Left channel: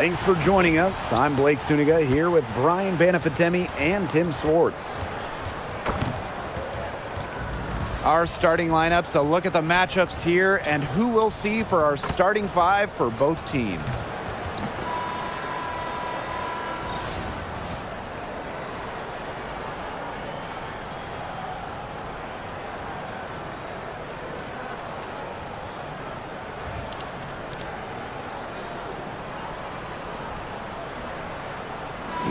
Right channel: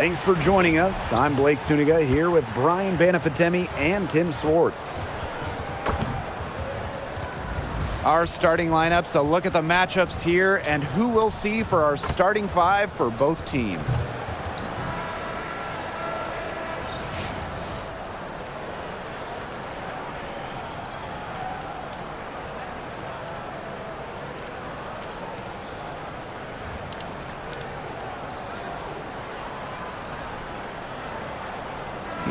Thanks for joining us. I'm Blake Suniga here with Brian Banafitemi and Tim Swartz. Our starting lineups, a look at the matchups here and who we'll see for our starting five for both teams.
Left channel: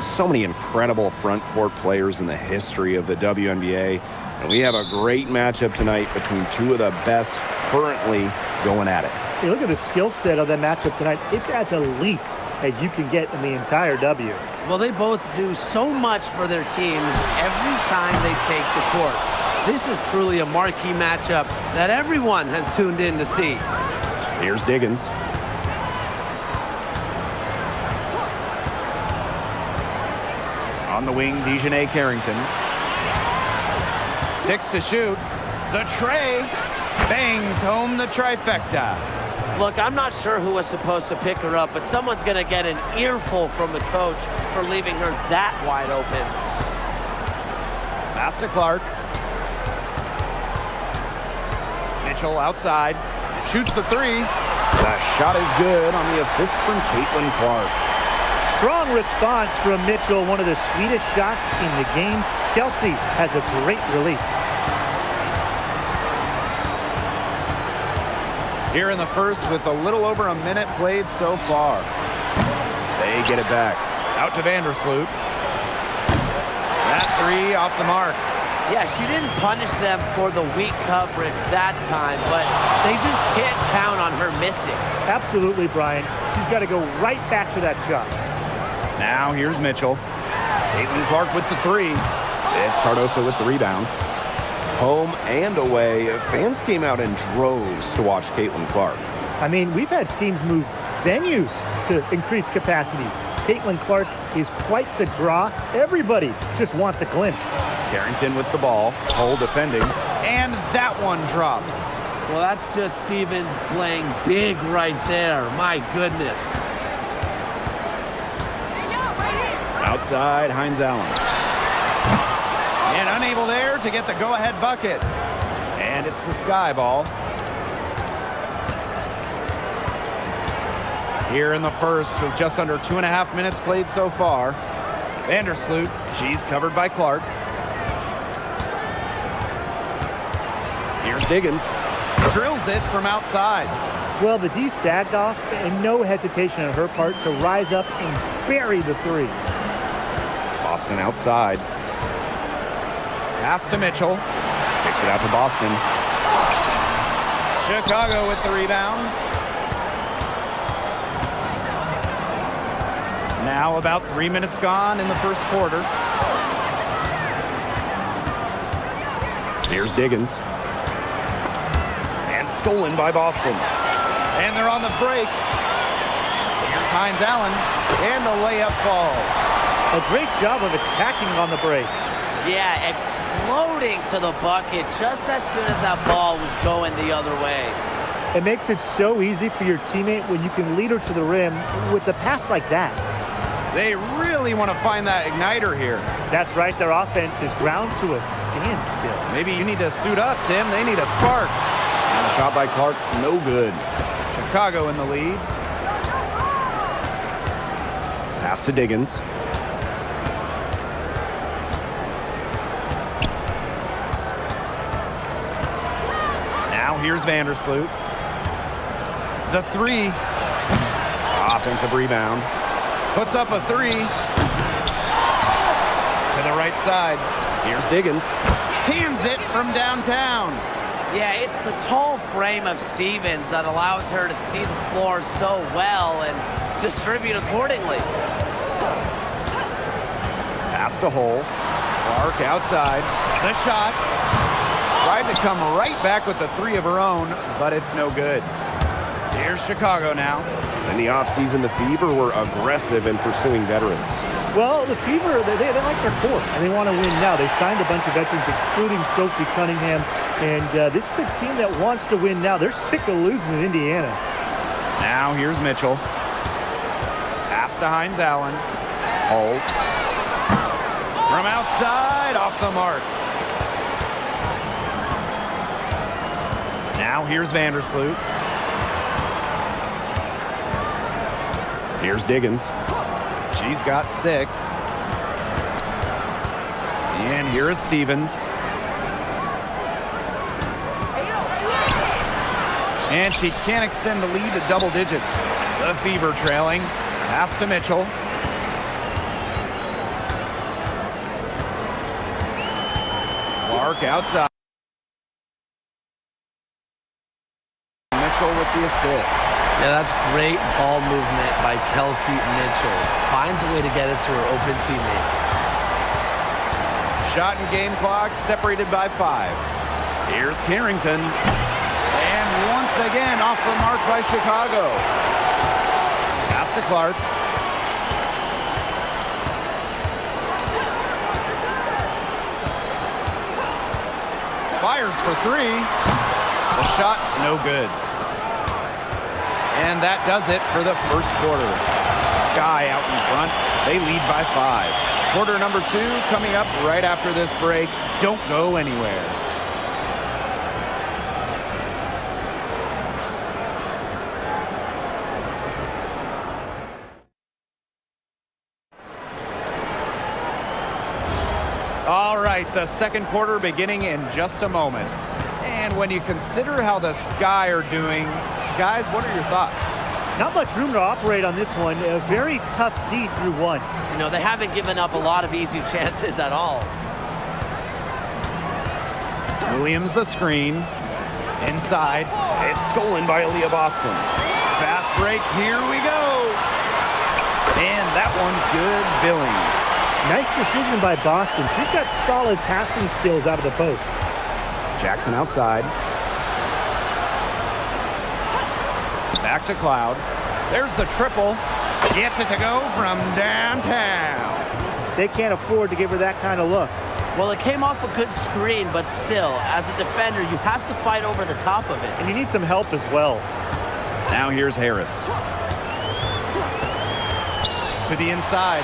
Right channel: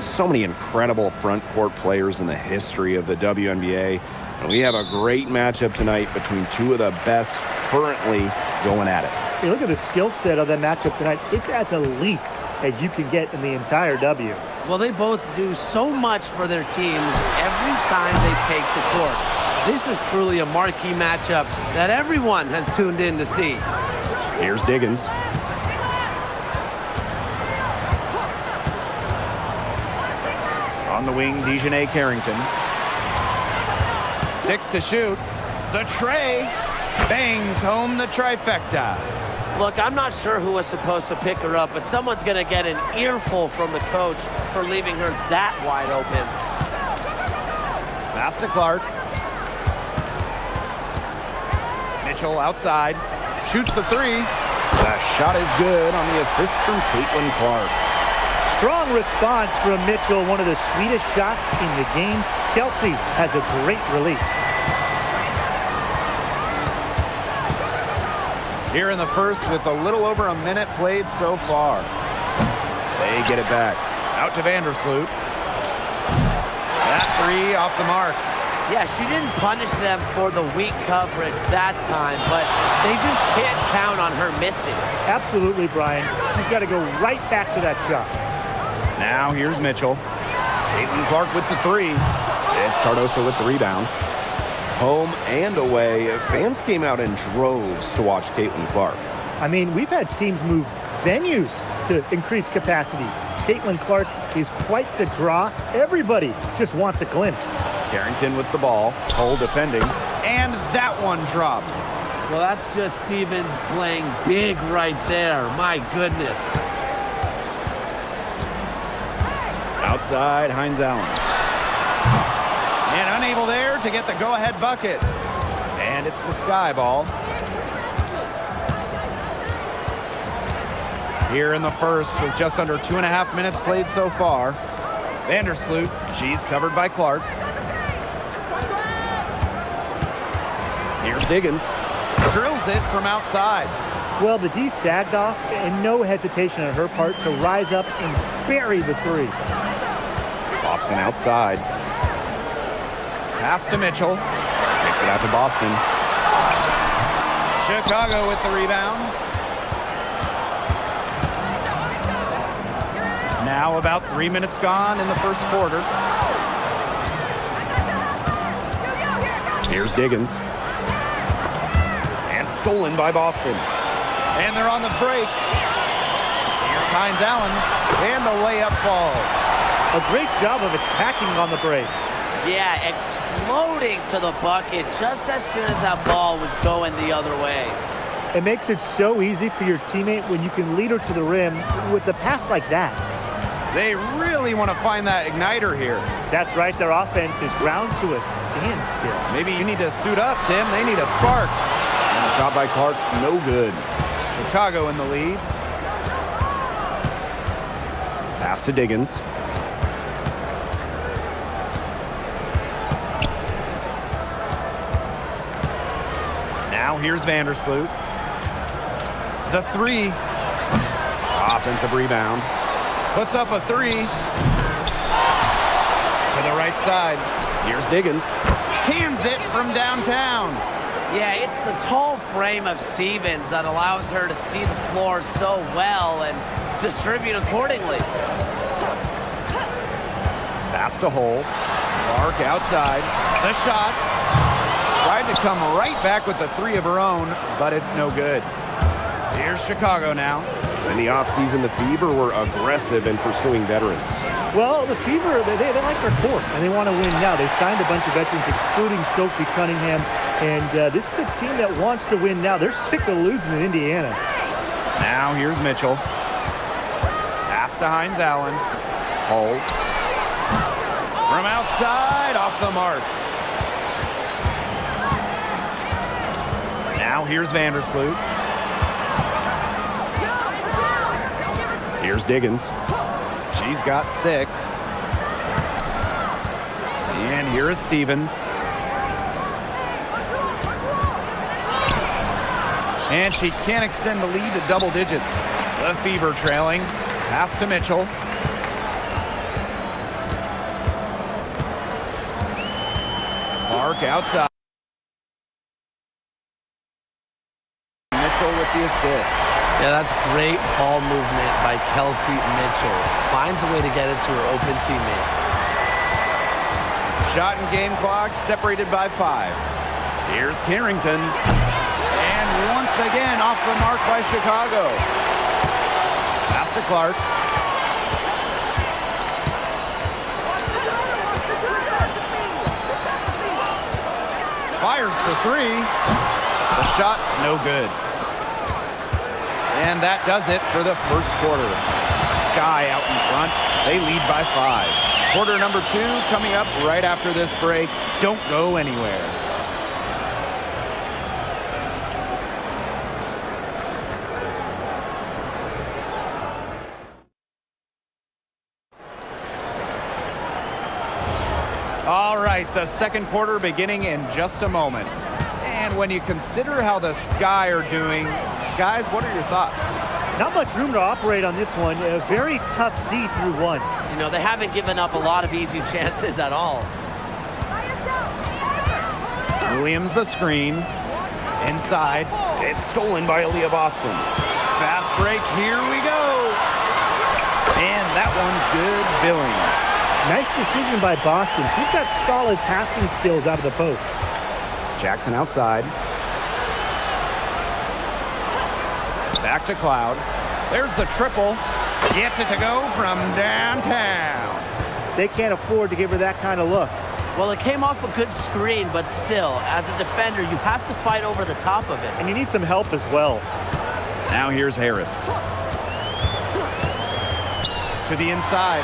So many incredible front court players in the history of the WNBA. And we have a great matchup tonight between two of the best currently going at it. Hey, look at the skill set of that matchup tonight. It's as elite as you can get in the entire W. Well, they both do so much for their teams every time they take the court. This is truly a marquee matchup that everyone has tuned in to see. Here's Diggins. On the wing, Dejanay Carrington. 6 to shoot. The tray bangs home the trifecta. Look, I'm not sure who was supposed to pick her up, but someone's going to get an earful from the coach for leaving her that wide open. Pass to Clark. Mitchell outside. Shoots the three. The shot is good on the assist from Caitlin Clark. Strong response from Mitchell, one of the sweetest shots in the game. Kelsey has a great release. Here in the first with a little over a minute played so far. They get it back. Out to Vandersloot. That three off the mark. Yeah, she didn't punish them for the weak coverage that time, but they just can't count on her missing. Absolutely, Brian. She's got to go right back to that shot. Now here's Mitchell. Caitlin Clark with the three. It's Cardoso with the rebound. Home and away, fans came out in droves to watch Caitlin Clark. I mean, we've had teams move venues to increase capacity. Caitlin Clark is quite the draw. Everybody just wants a glimpse. Carrington with the ball, Hull defending, and that one drops. Well, that's just Stevens playing big right there. My goodness. Outside, Hines Allen. And unable there to get the go-ahead bucket. And it's the Sky ball. Here in the first with just under 2.5 minutes played so far. Vandersloot, she's covered by Clark. Here's Diggins. Drills it from outside. Well, the D sagged off, and no hesitation on her part to rise up and bury the three. Boston outside. Pass to Mitchell. Kicks it out to Boston. Chicago with the rebound. Now about 3 minutes gone in the first quarter. Here's Diggins. And stolen by Boston. And they're on the break. Here's Hines Allen. And the layup falls. A great job of attacking on the break. Yeah, exploding to the bucket just as soon as that ball was going the other way. It makes it so easy for your teammate when you can lead her to the rim with a pass like that. They really want to find that igniter here. That's right, their offense is ground to a standstill. Maybe you need to suit up, Tim. They need a spark. And a shot by Clark, no good. Chicago in the lead. Pass to Diggins. Now here's Vandersloot. The three. Offensive rebound. Puts up a three. To the right side. Here's Diggins. Cans it from downtown. Yeah, it's the tall frame of Stevens that allows her to see the floor so well and distribute accordingly. Pass to Hull. Clark outside. The shot. Tried to come right back with the three of her own, but it's no good. Here's Chicago now. In the offseason, the Fever were aggressive in pursuing veterans. Well, the Fever, they like their core, and they want to win now. They signed a bunch of veterans, including Sophie Cunningham, and this is a team that wants to win now. They're sick of losing in Indiana. Now here's Mitchell. Pass to Hines Allen. Hold. From outside, off the mark. Now here's Vandersloot. Here's Diggins. She's got 6. And here is Stevens. And she can't extend the lead to double digits. The Fever trailing. Pass to Mitchell. Clark outside. Mitchell with the assist. Yeah, that's great ball movement by Kelsey Mitchell. Finds a way to get it to her open teammate. Shot and game clock separated by 5. Here's Carrington. And once again off the mark by Chicago. Pass to Clark. Fires for 3. The shot, no good. And that does it for the first quarter. Sky out in front. They lead by 5. Quarter number 2 coming up right after this break. Don't go anywhere. All right, the second quarter beginning in just a moment. And when you consider how the Sky are doing, guys, what are your thoughts? Not much room to operate on this one. A very tough D through 1. You know, they haven't given up a lot of easy chances at all. Williams the screen. Inside. It's stolen by Aaliyah Boston. Fast break. Here we go. And that one's good. Billings. Nice decision by Boston. She's got solid passing skills out of the post. Jackson outside. Back to Cloud. There's the triple. Gets it to go from downtown. They can't afford to give her that kind of look. Well, it came off a good screen, but still, as a defender, you have to fight over the top of it. And you need some help as well. Now here's Harris. To the inside.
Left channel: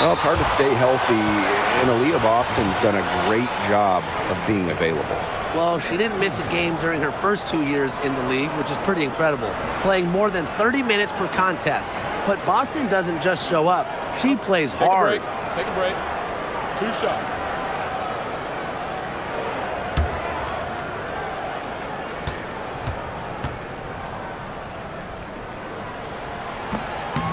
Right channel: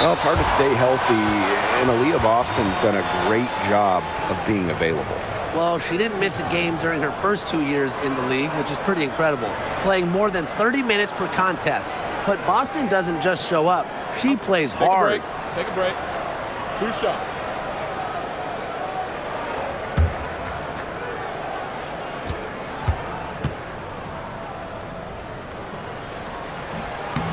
Well, it's hard to stay healthy, and Aaliyah Boston's done a great job of being available. Well, she didn't miss a game during her first 2 years in the league, which is pretty incredible, playing more than 30 minutes per contest. But Boston doesn't just show up. She plays hard. Take a break. 2 shots.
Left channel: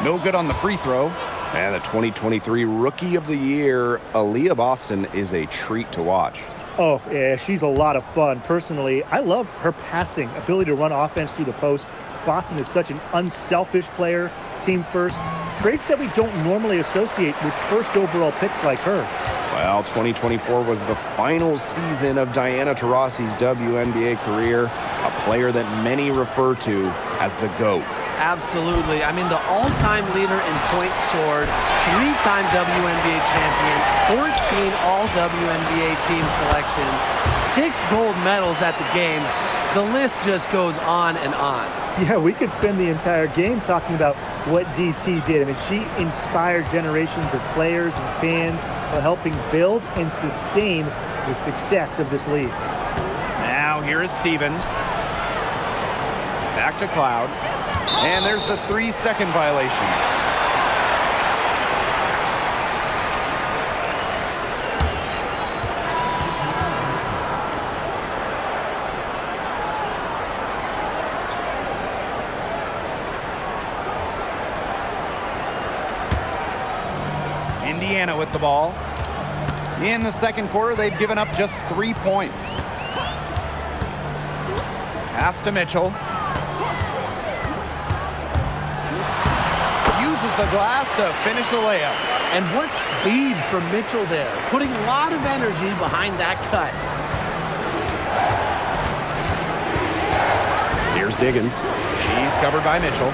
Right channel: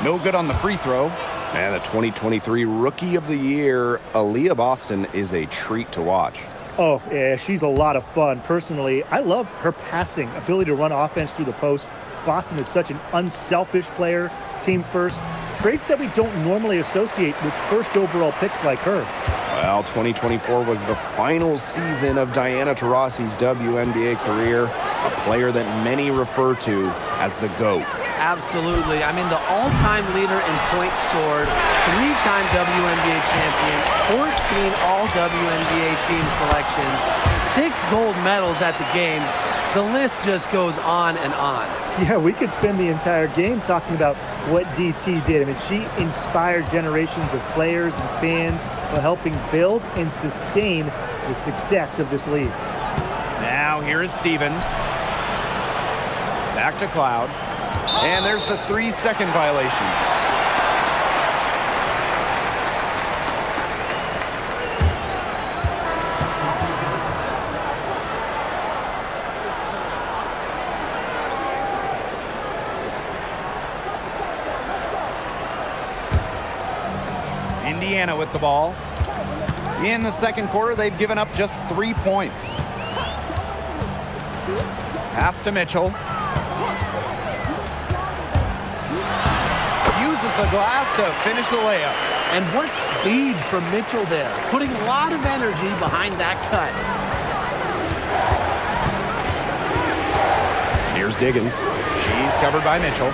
No good on the free throw. And the 2023 Rookie of the Year, Aaliyah Boston, is a treat to watch. Oh, yeah, she's a lot of fun. Personally, I love her passing, ability to run offense through the post. Boston is such an unselfish player, team first, traits that we don't normally associate with first overall picks like her. Well, 2024 was the final season of Diana Taurasi's WNBA career, a player that many refer to as the GOAT. Absolutely. I mean, the all-time leader in points scored, 3-time WNBA champion, 14 all-WNBA team selections, 6 gold medals at the games. The list just goes on and on. Yeah, we could spend the entire game talking about what DT did. I mean, she inspired generations of players and fans while helping build and sustain the success of this league. Now here is Stevens. Back to Cloud. And there's the 3-second violation. Indiana with the ball. In the second quarter, they've given up just 3 points. Pass to Mitchell. Uses the glass to finish the layup. And what speed from Mitchell there, putting a lot of energy behind that cut. Here's Diggins. She's covered by Mitchell.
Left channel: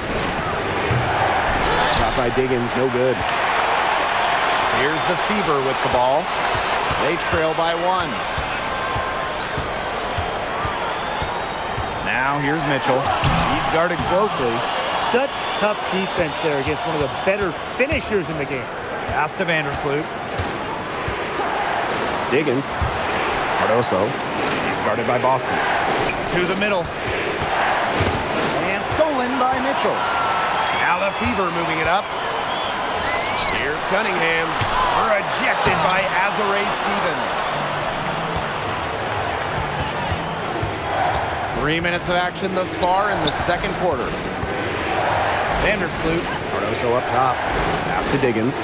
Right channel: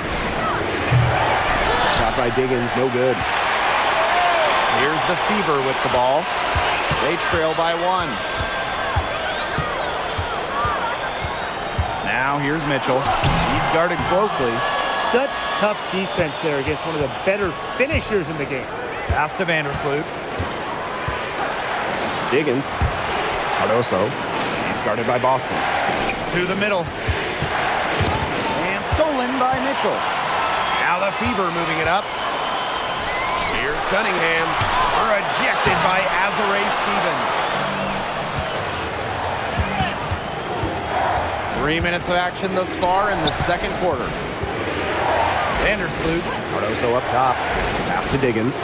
Shot by Diggins, no good. Here's the Fever with the ball. They trail by 1. Now here's Mitchell. She's guarded closely. Such tough defense there against one of the better finishers in the game. Pass to Vandersloot. Diggins. Cardoso. He's guarded by Boston. To the middle. And stolen by Mitchell. Now the Fever moving it up. Here's Cunningham. Rejected by Azare Stevens. 3 minutes of action thus far in the second quarter. Vandersloot. Cardoso up top. Pass to Diggins.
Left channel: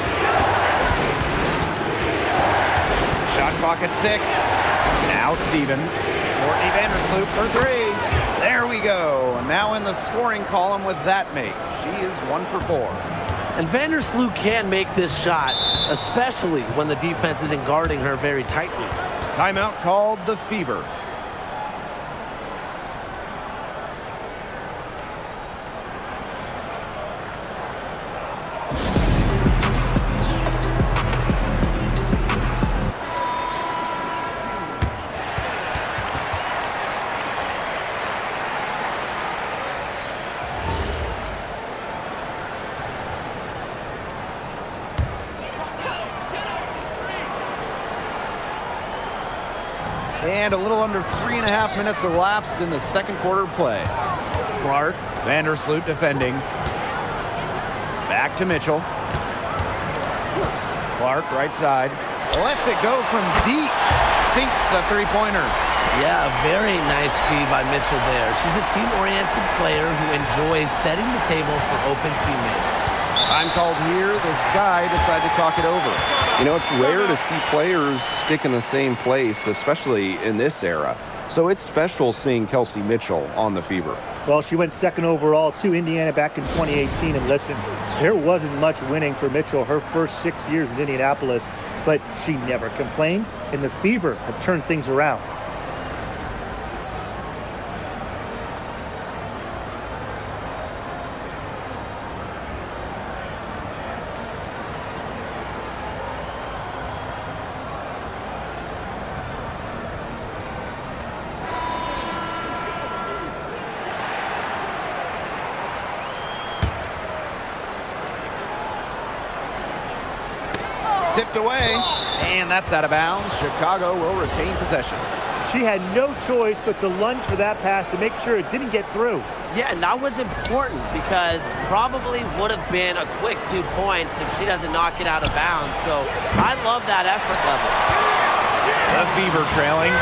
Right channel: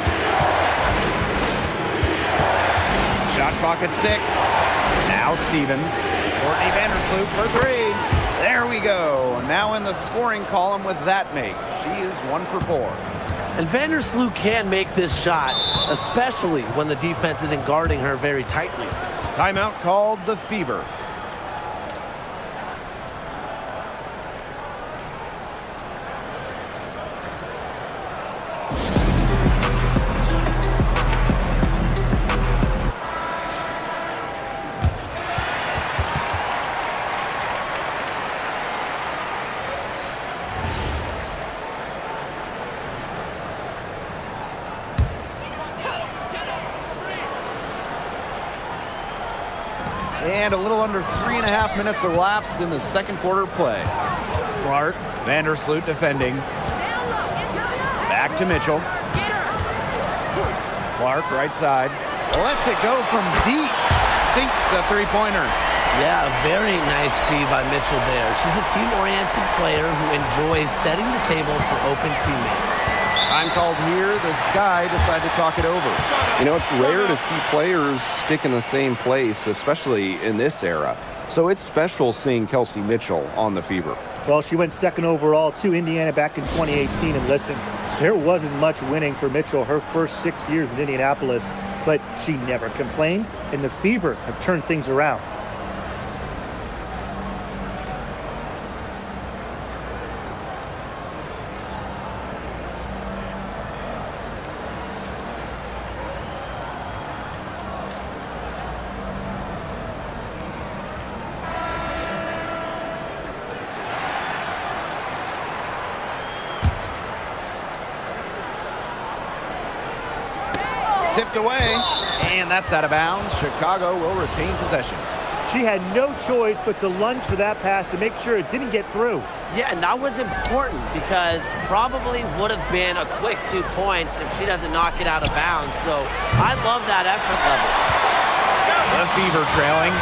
Shot clock at 6. Now Stevens. Courtney Vandersloot for 3. There we go. And now in the scoring column with that make. She is 1 for 4. And Vandersloot can make this shot, especially when the defense isn't guarding her very tightly. Timeout called the Fever. And a little under 3.5 minutes elapsed in the second quarter play. Clark, Vandersloot defending. Back to Mitchell. Clark, right side. Lets it go from deep. Sinks the three-pointer. Yeah, a very nice feed by Mitchell there. She's a team-oriented player who enjoys setting the table for open teammates. Time called here. The Sky decide to talk it over. You know, it's rare to see players stick in the same place, especially in this era. So it's special seeing Kelsey Mitchell on the Fever. Well, she went second overall to Indiana back in 2018. And listen, there wasn't much winning for Mitchell her first 6 years in Indianapolis, but she never complained, and the Fever have turned things around. Tipped away, and that's out of bounds. Chicago will retain possession. She had no choice but to lunge for that pass to make sure it didn't get through. Yeah, and that was important because probably would have been a quick 2 points if she doesn't knock it out of bounds. So I love that effort level. The Fever trailing.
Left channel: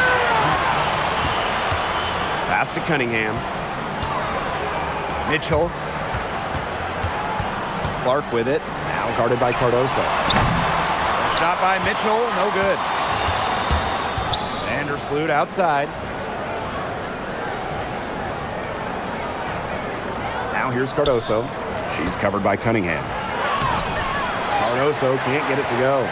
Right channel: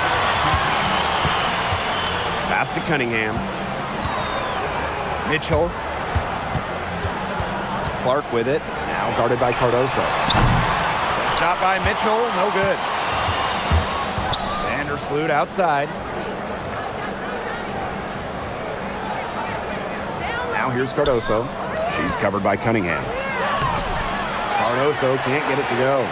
Pass to Cunningham. Mitchell. Clark with it. Now guarded by Cardoso. Shot by Mitchell, no good. Vandersloot outside. Now here's Cardoso. She's covered by Cunningham. Cardoso can't get it to go.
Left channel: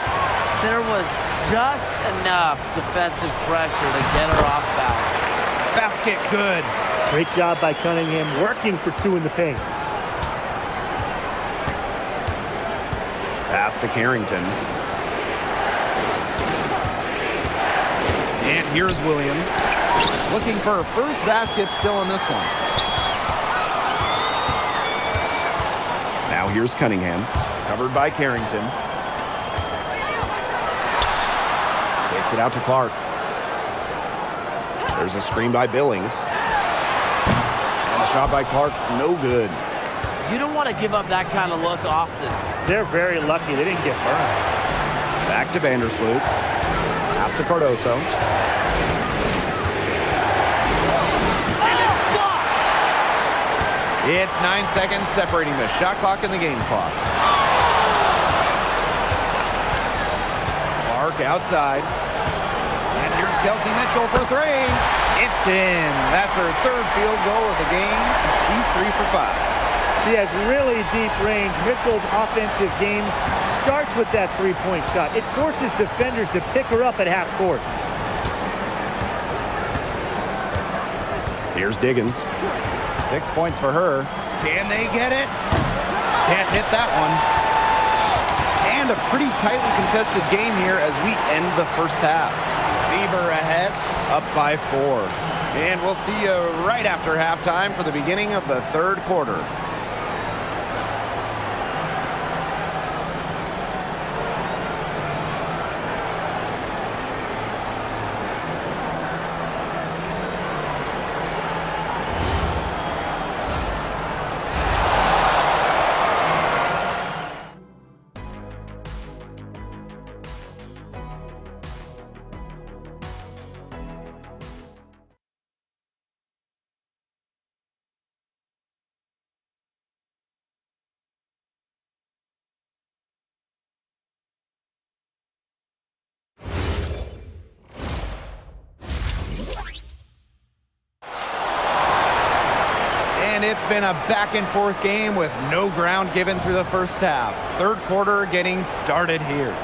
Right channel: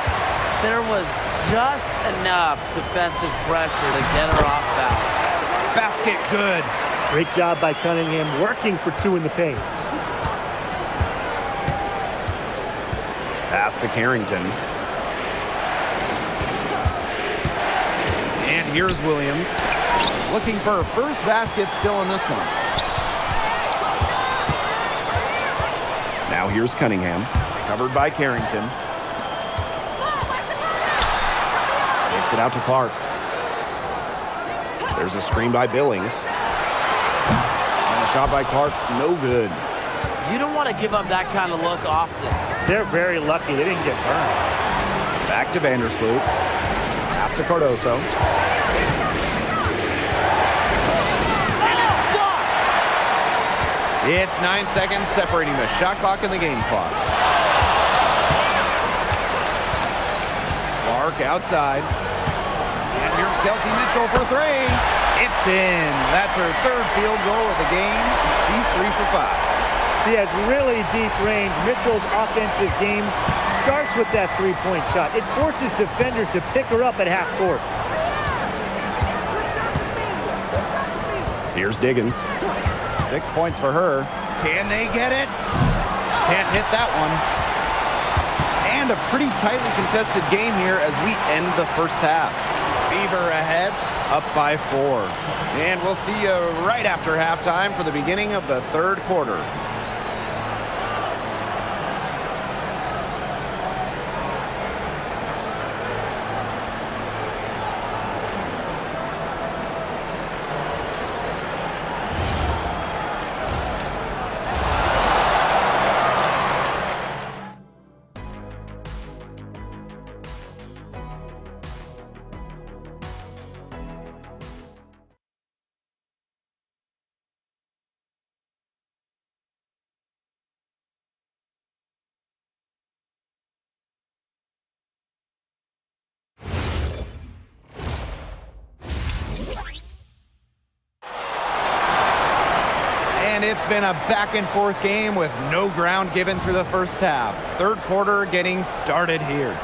There was just enough defensive pressure to get her off balance. Basket good. Great job by Cunningham working for 2 in the paint. Pass to Carrington. And here's Williams. Looking for her first basket still in this one. Now here's Cunningham. Covered by Carrington. Kicks it out to Clark. There's a screen by Billings. And a shot by Clark, no good. You don't want to give up that kind of look often. They're very lucky they didn't get burned. Back to Vandersloot. Pass to Cardoso. And it's blocked! It's 9 seconds separating the shot clock and the game clock. Clark outside. And here's Kelsey Mitchell for 3. It's in. That's her third field goal of the game. She's 3 for 5. She has really deep range. Mitchell's offensive game starts with that three-point shot. It forces defenders to pick her up at half court. Here's Diggins. 6 points for her. Can they get it? Can't hit that one. And a pretty tightly contested game here as we end the first half. Fever ahead, up by 4. And we'll see you right after halftime for the beginning of the third quarter. And it's been a back-and-forth game with no ground given through the first half. Third quarter getting started here.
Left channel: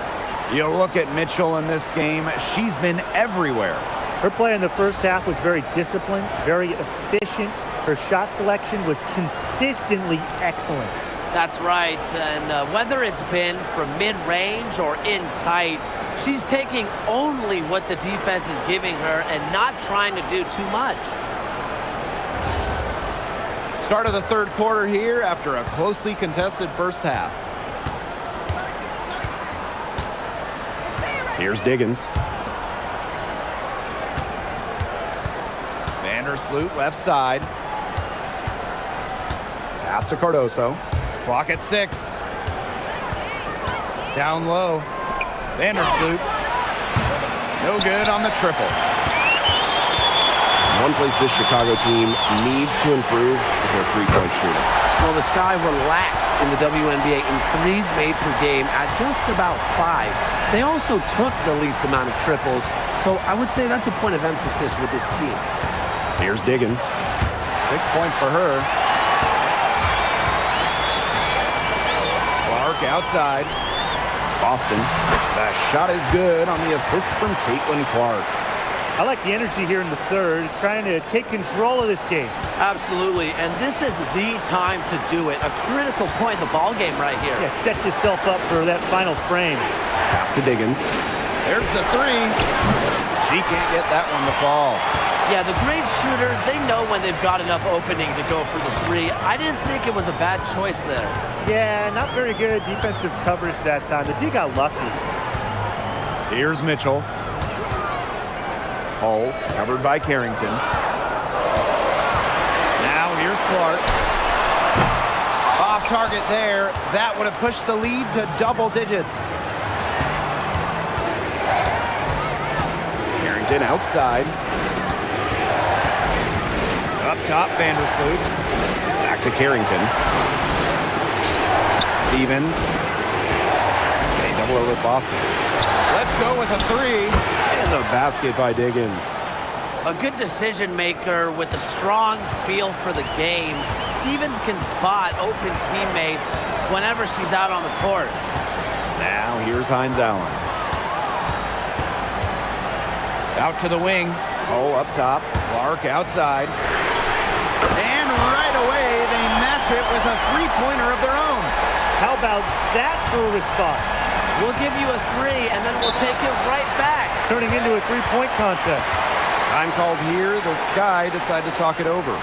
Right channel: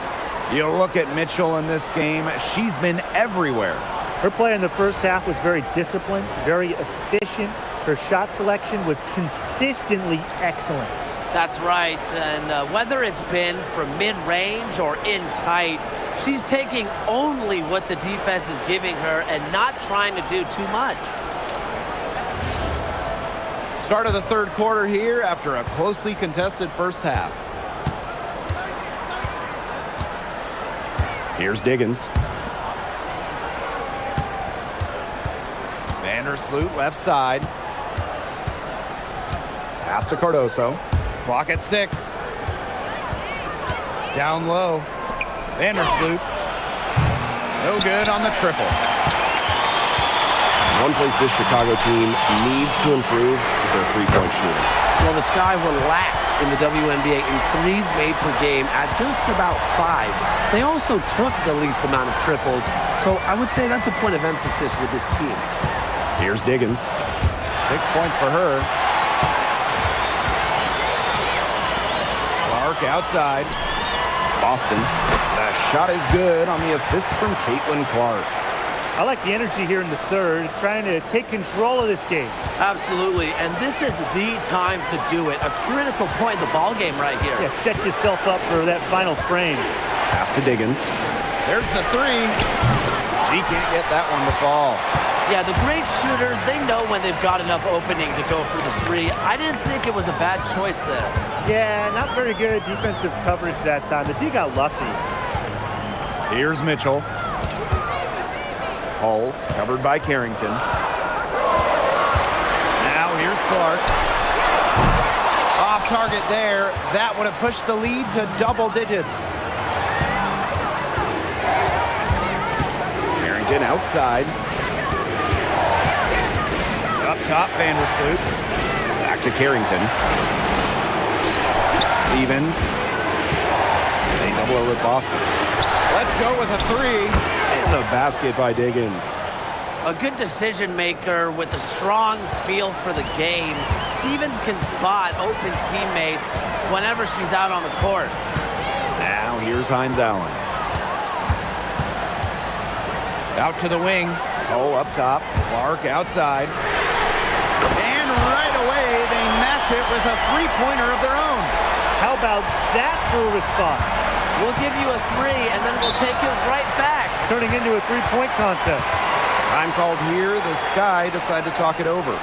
You look at Mitchell in this game, she's been everywhere. Her play in the first half was very disciplined, very efficient. Her shot selection was consistently excellent. That's right, and whether it's been from mid-range or in tight, she's taking only what the defense is giving her and not trying to do too much. Start of the third quarter here after a closely contested first half. Here's Diggins. Vandersloot left side. Pass to Cardoso. Clock at 6. Down low. Vandersloot. No good on the triple. One place this Chicago team needs to improve is their three-point shooting. Well, the Sky were last in the WNBA in threes made per game at just about 5. They also took the least amount of triples, so I would say that's a point of emphasis with this team. Here's Diggins. 6 points for her. Clark outside. Boston. The shot is good on the assist from Caitlin Clark. I like the energy here in the third, trying to take control of this game. Absolutely, and this is the time to do it. A critical point in the ball game right here. Yeah, set yourself up for that final frame. Pass to Diggins. There's the 3. She can't get that one to fall. Yeah, the great shooters, they know when they've got enough opening to go for the 3. I didn't think it was a bad choice there. Yeah, not very good defensive coverage that time. The D got lucky. Here's Mitchell. Hull covered by Carrington. Now here's Clark. Off target there. That would have pushed the lead to double digits. Carrington outside. Up top, Vandersloot. Back to Carrington. Stevens. They double over with Boston. Let's go with a 3. And the basket by Diggins. A good decision maker with a strong feel for the game. Stevens can spot open teammates whenever she's out on the court. Now here's Hines Allen. Out to the wing. Hull up top. Clark outside. And right away, they match it with a three-pointer of their own. How about that for a response? We'll give you a 3, and then we'll take it right back. Turning into a three-point contest. Time called here. The Sky decide to talk it over.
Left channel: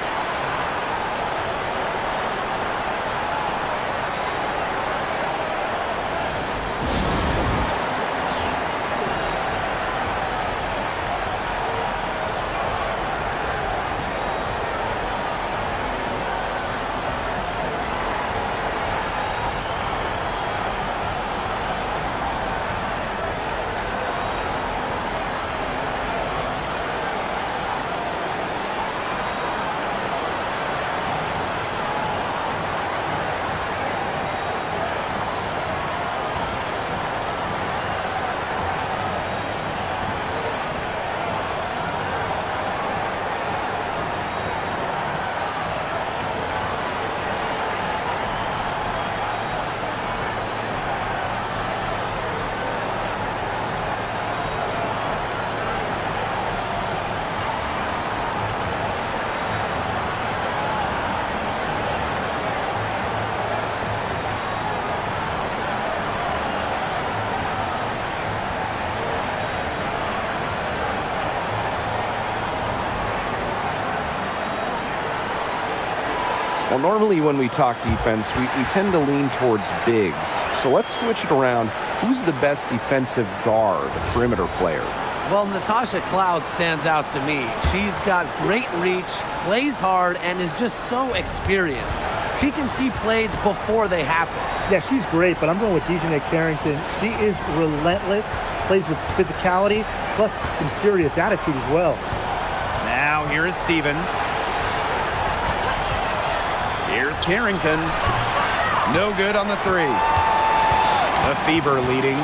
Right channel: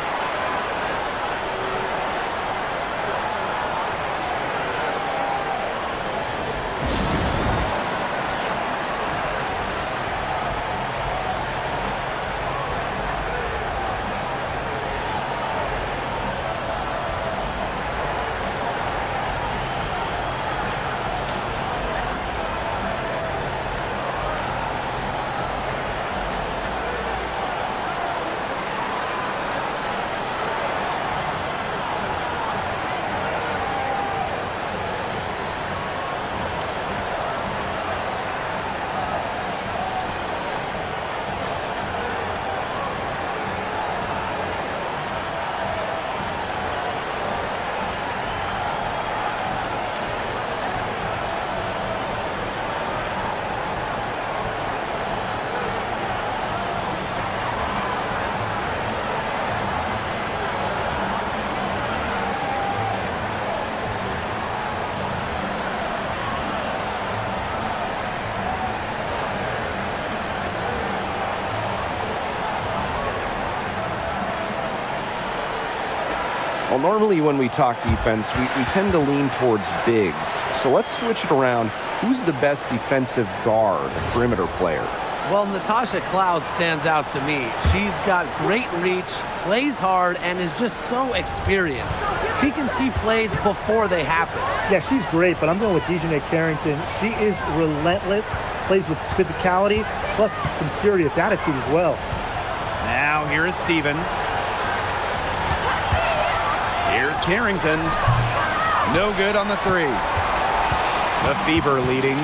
Well, normally when we talk defense, we tend to lean towards bigs. So let's switch it around. Who's the best defensive guard, perimeter player? Well, Natasha Cloud stands out to me. She's got great reach, plays hard, and is just so experienced. She can see plays before they happen. Yeah, she's great, but I'm going with Dejanay Carrington. She is relentless, plays with physicality, plus some serious attitude as well. Now here is Stevens. Here's Carrington. No good on the 3. The Fever leading.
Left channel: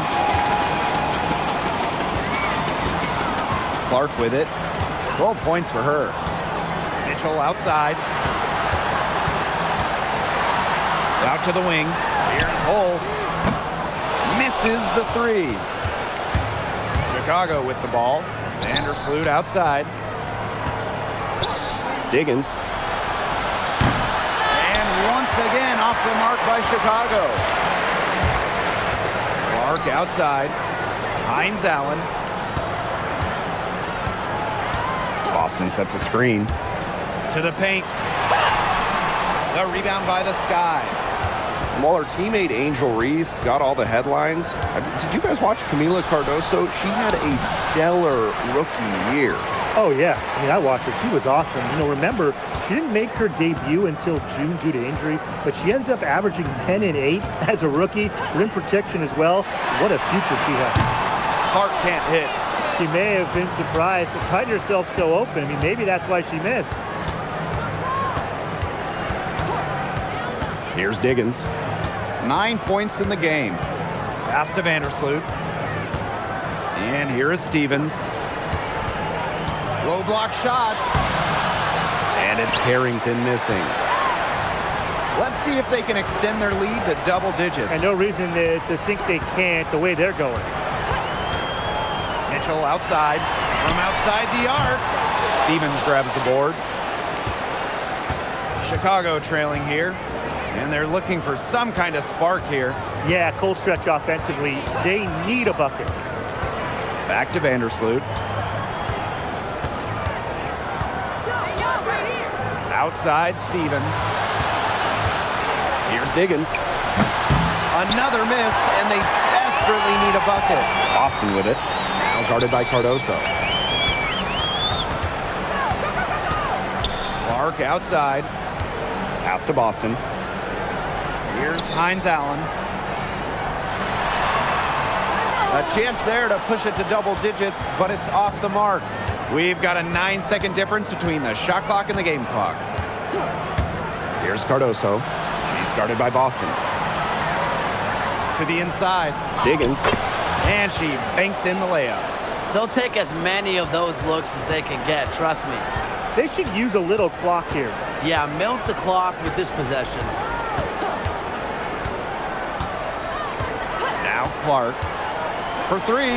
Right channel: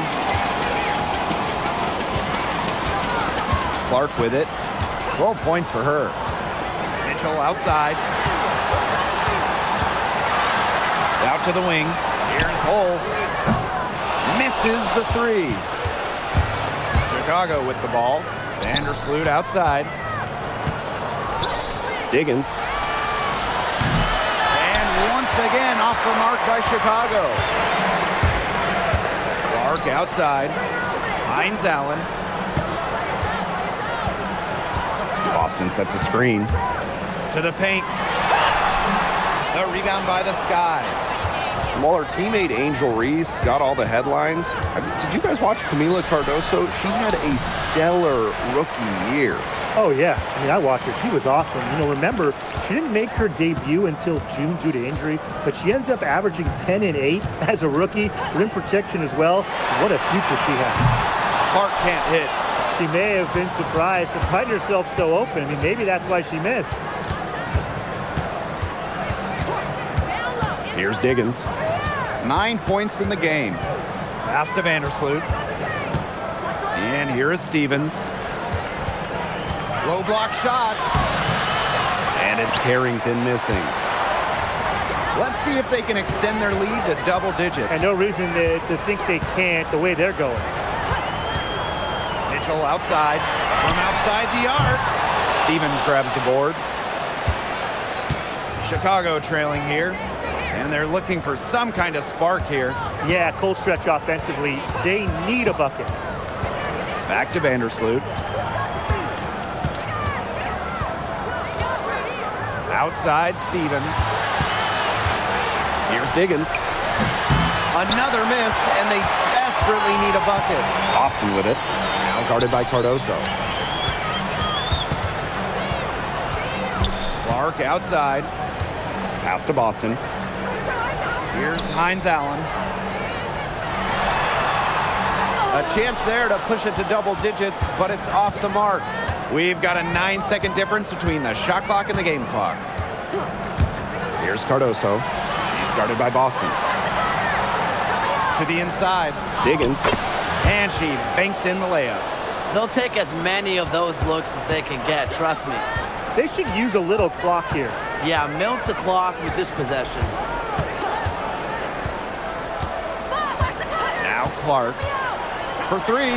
Clark with it. 12 points for her. Mitchell outside. Out to the wing. Here's Hull. Misses the three. Chicago with the ball. Vandersloot outside. Diggins. And once again off the mark by Chicago. Clark outside. Hines Allen. Boston sets a screen. To the paint. The rebound by the Sky. And while her teammate Angel Reese got all the headlines, did you guys watch Camila Cardoso? She had a stellar rookie year. Oh, yeah. I mean, I watched her. She was awesome. You know, remember, she didn't make her debut until June due to injury, but she ends up averaging 10 and 8 as a rookie. Rim protection as well. What a future she has. Clark can't hit. She may have been surprised to find herself so open. I mean, maybe that's why she missed. Here's Diggins. 9 points in the game. Pass to Vandersloot. And here is Stevens. Low block shot. And it's Carrington missing. Let's see if they can extend their lead to double digits. And no reason to think they can't the way they're going. Mitchell outside. From outside the arc. Stevens grabs the board. Chicago trailing here. And they're looking for some kind of spark here. Yeah, cold stretch offensively. They need a bucket. Back to Vandersloot. Outside Stevens. Here's Diggins. Another miss, and they desperately need a bucket. Boston with it. Now guarded by Cardoso. Clark outside. Pass to Boston. Here's Hines Allen. A chance there to push it to double digits, but it's off the mark. We've got a 9-second difference between the shot clock and the game clock. Here's Cardoso. She's guarded by Boston. To the inside. Diggins. And she banks in the layup. They'll take as many of those looks as they can get, trust me. They should use a little clock here. Yeah, milk the clock with this possession. Now Clark for three.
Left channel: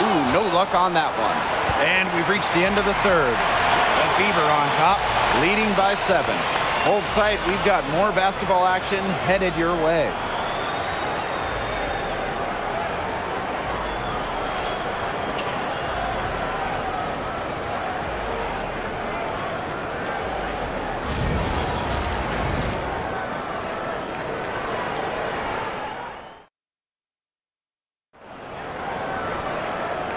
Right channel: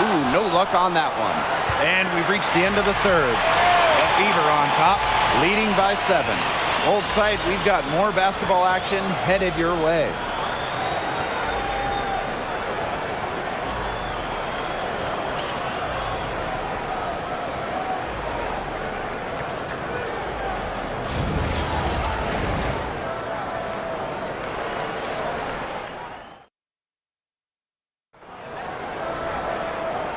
Ooh, no luck on that one. And we've reached the end of the third. The Fever on top, leading by 7. Hold tight, we've got more basketball action headed your way.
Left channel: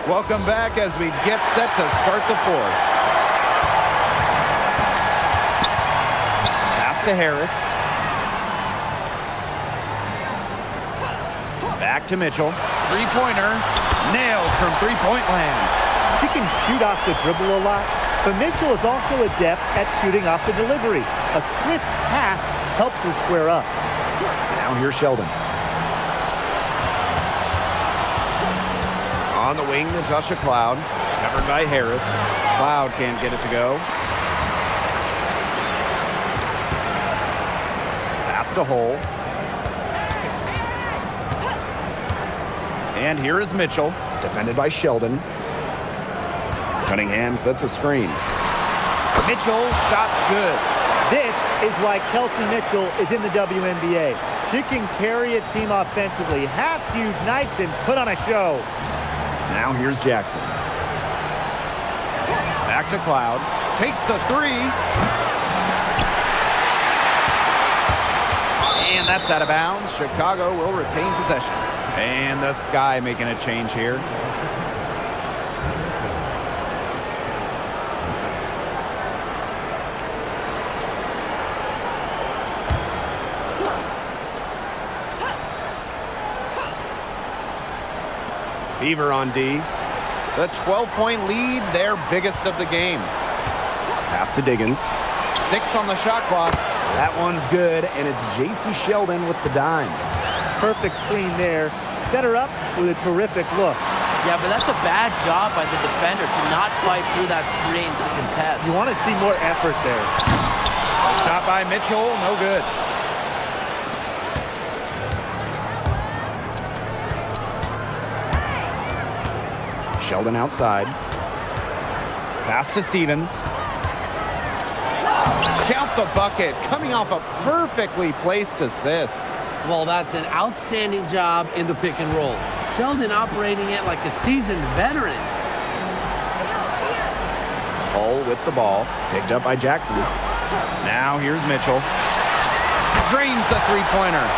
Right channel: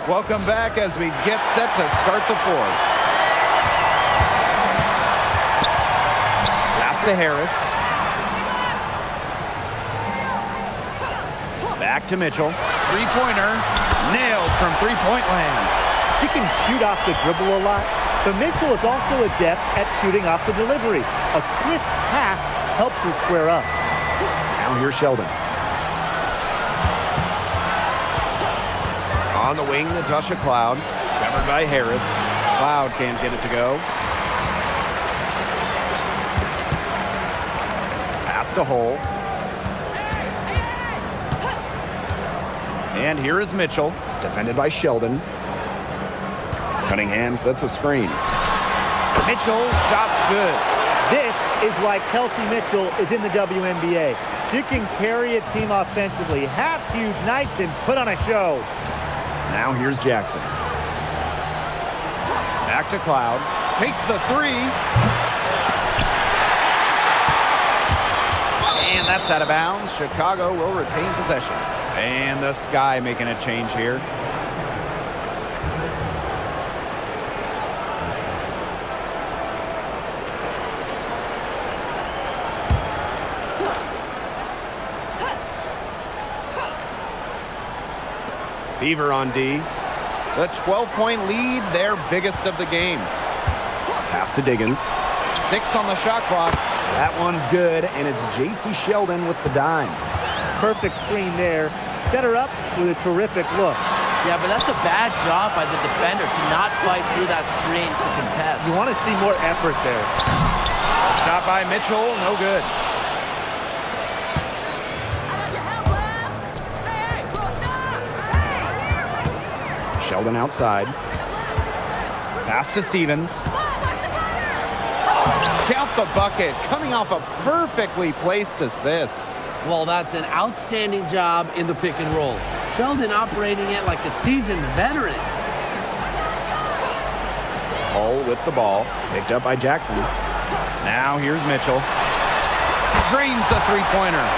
Welcome back as we get set to start the fourth. Pass to Harris. Back to Mitchell. Three-pointer. Nailed from three-point land. She can shoot off the dribble a lot, but Mitchell is also adept at shooting off the delivery. A crisp pass helps her square up. Now here's Sheldon. On the wing, Natasha Cloud. Covered by Harris. Cloud can't get it to go. Pass to Hull. And here is Mitchell. Defended by Sheldon. Cunningham sets a screen. Mitchell, shots good. This is why Kelsey Mitchell is in the WNBA. She can carry a team offensively, have huge nights, and put on a show. Now here's Jackson. Back to Cloud. Takes the three. And that's out of bounds. Chicago will retain possession. And the Sky making a change here. Fever on D. The 12-point lead, their biggest of the game. Pass to Diggins. 6 on the shot clock. That one's good, and it's J.C. Sheldon with the dime. Perfect screen there. Set her up with a terrific look. Yeah, but that's a bad job by the defender to not fight through that screen to contest. You want to see more effort there. A shot by Mitchell, no good. Sheldon outside. Pass to Stevens. Count the bucket, coming off a perfectly placed assist. Well, that's an outstanding job in the pick and roll. Sheldon operating it like a seasoned veteran. Hull with the ball, picked up by Jackson. Now here's Mitchell. Drains the three-pointer.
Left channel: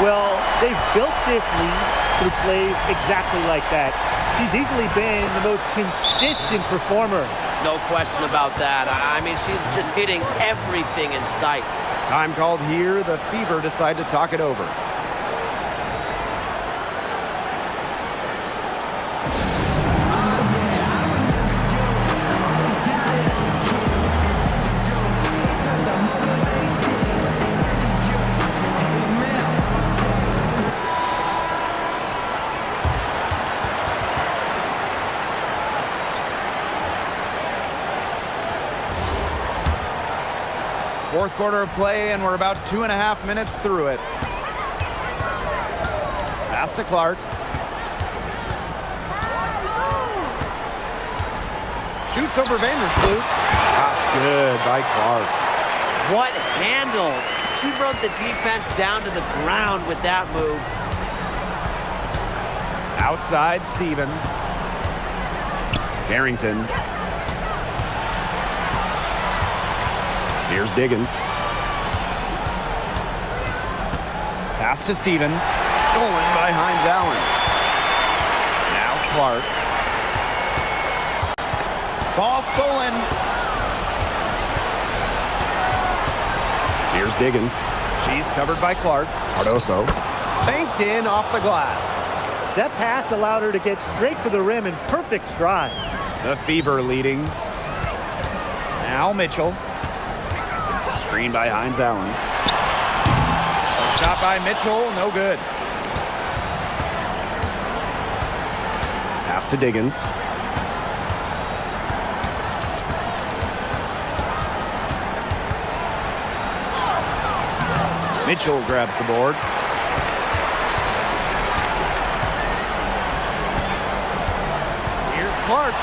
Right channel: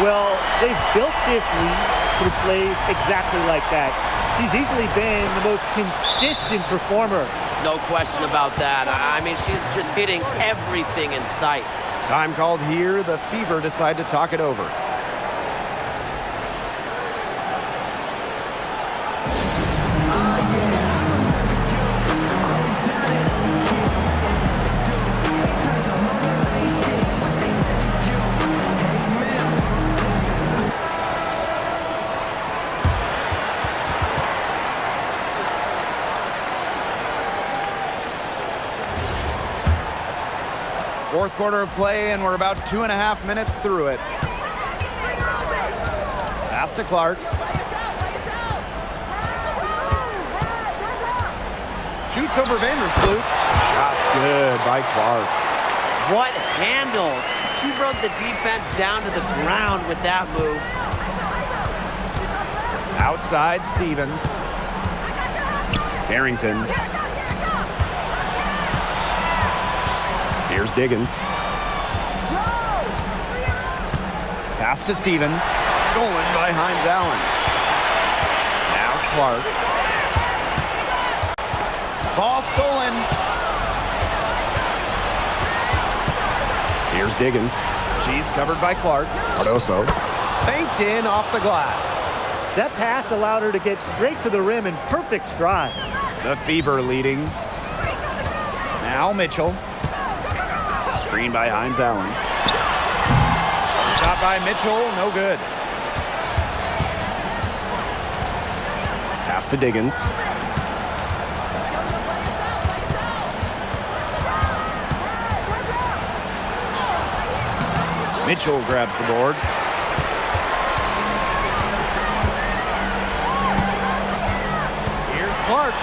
Well, they've built this lead through plays exactly like that. She's easily been the most consistent performer. No question about that. I mean, she's just hitting everything in sight. Time called here. The Fever decide to talk it over. Fourth quarter of play, and we're about 2.5 minutes through it. Pass to Clark. Shoots over Vandersloot. Shot's good by Clark. What handles? She brought the defense down to the ground with that move. Outside, Stevens. Harrington. Here's Diggins. Pass to Stevens. Stolen by Hines Allen. Now Clark. Ball stolen. Here's Diggins. She's covered by Clark. Cardoso. Banked in off the glass. That pass allowed her to get straight to the rim in perfect stride. The Fever leading. Now Mitchell. Screen by Hines Allen. Shot by Mitchell, no good. Pass to Diggins. Mitchell grabs the board. Here's Clark.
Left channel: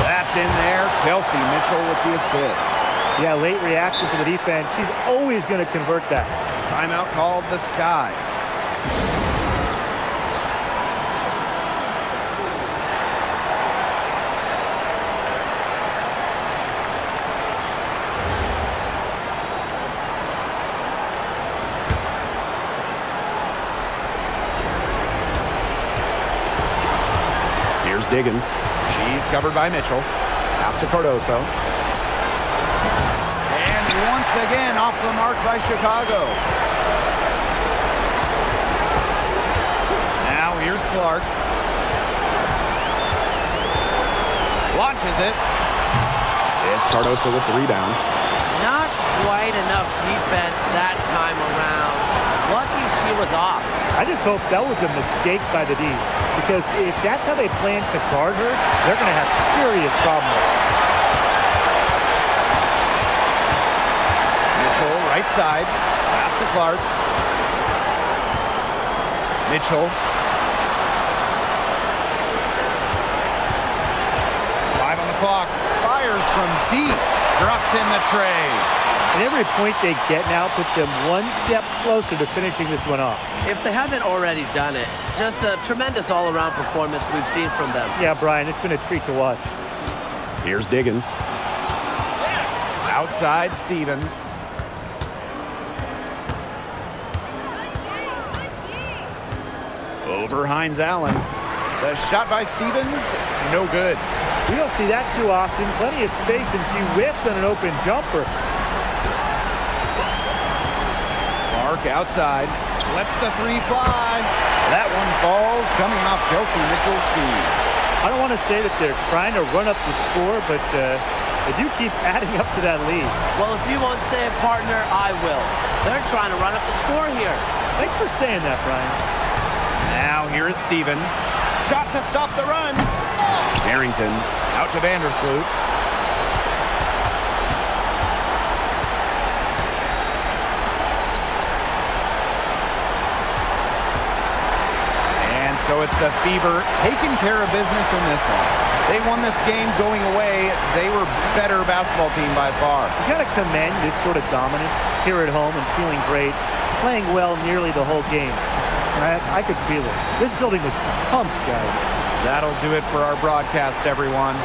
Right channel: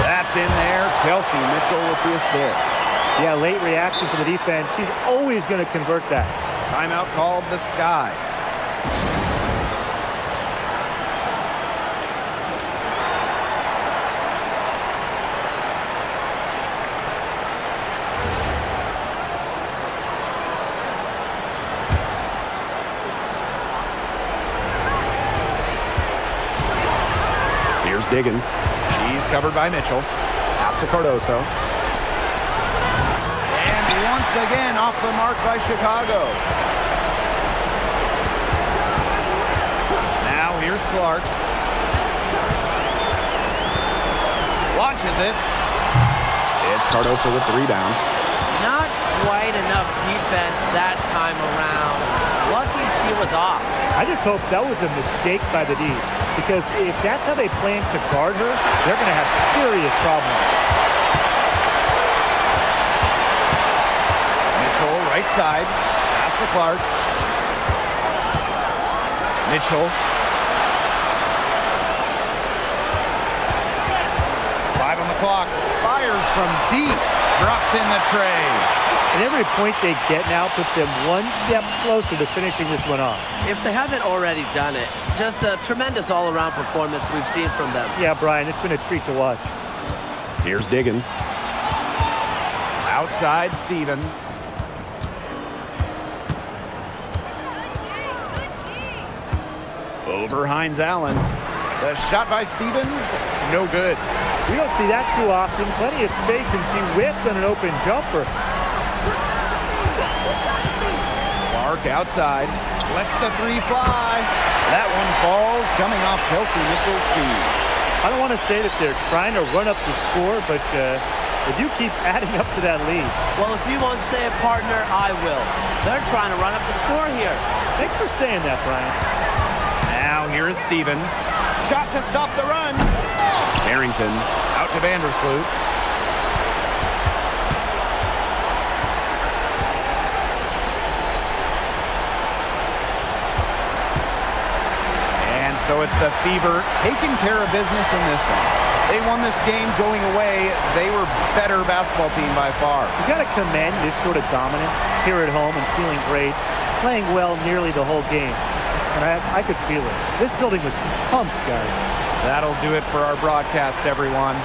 That's in there. Kelsey Mitchell with the assist. Yeah, late reaction for the defense. She's always going to convert that. Timeout called the Sky. Here's Diggins. She's covered by Mitchell. Pass to Cardoso. And once again off the mark by Chicago. Now here's Clark. Launches it. It's Cardoso with the rebound. Not quite enough defense that time around. Lucky she was off. I just hope that was a mistake by the D, because if that's how they plan to guard her, they're going to have serious problems. Mitchell, right side. Pass to Clark. Mitchell. 5 on the clock. Fires from deep. Drops in the tray. And every point they get now puts them one step closer to finishing this one off. If they haven't already done it, just a tremendous all-around performance we've seen from them. Yeah, Brian, it's been a treat to watch. Here's Diggins. Outside, Stevens. Over Hines Allen. The shot by Stevens, no good. We don't see that too often. Plenty of space, and she whiffs on an open jumper. Clark outside. Lets the three fly. That one falls, coming off Kelsey Mitchell's feet. I don't want to say that they're trying to run up the score, but they do keep adding up to that lead. Well, if you won't say it, partner, I will. They're trying to run up the score here. Thanks for saying that, Brian. Now here is Stevens. Shot to stop the run. Harrington out to Vandersloot. And so So it's the Fever taking care of business in this one. They won this game going away. They were better basketball team by far. You got to commend this sort of dominance here at home and feeling great, playing well nearly the whole game. And I could feel it. This building was pumped, guys. That'll do it for our broadcast, everyone.